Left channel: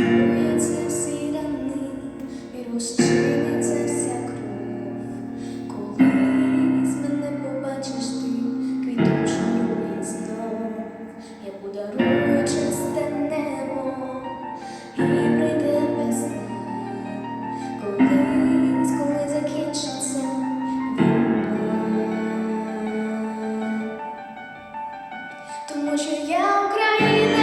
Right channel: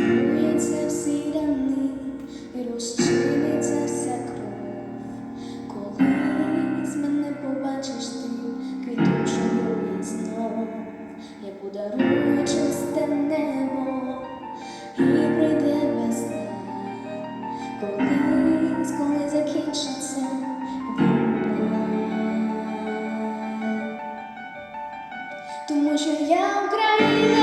Співається всі рани і розчиниться вся кров. Колись мене побачиш ти, квіточною і знов. Я подарую небо і прийде весна. Колись, коли закінчиться війна. Тому що я Україна.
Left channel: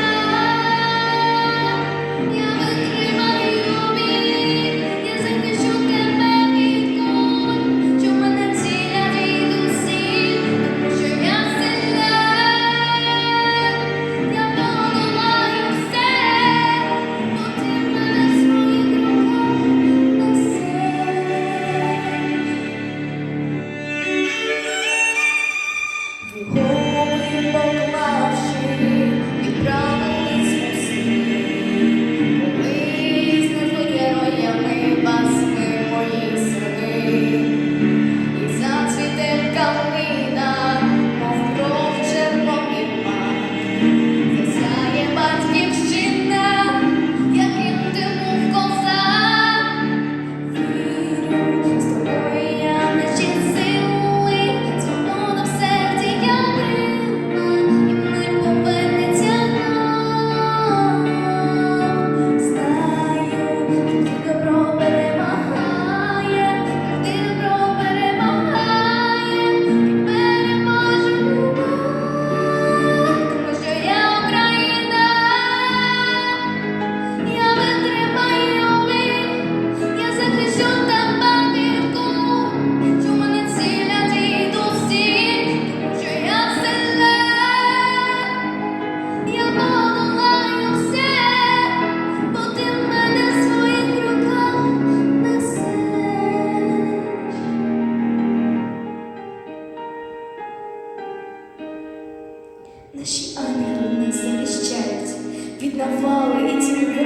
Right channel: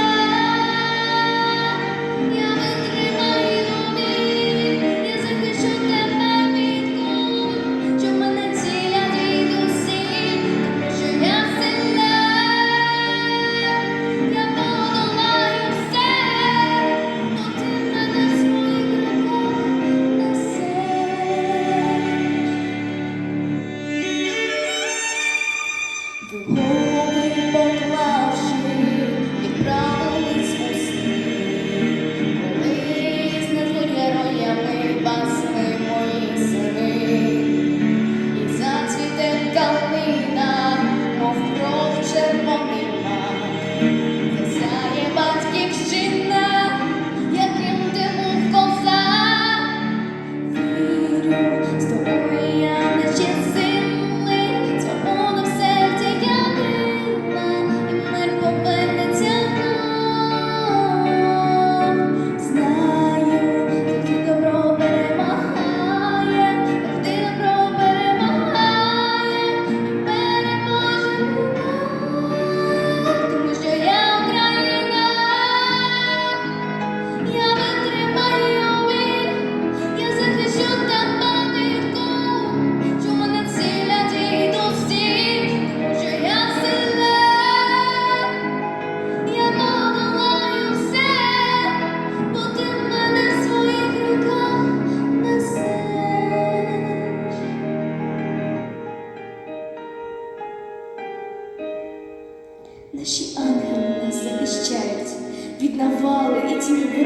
Наші ангели нас захищають від навали і тіни.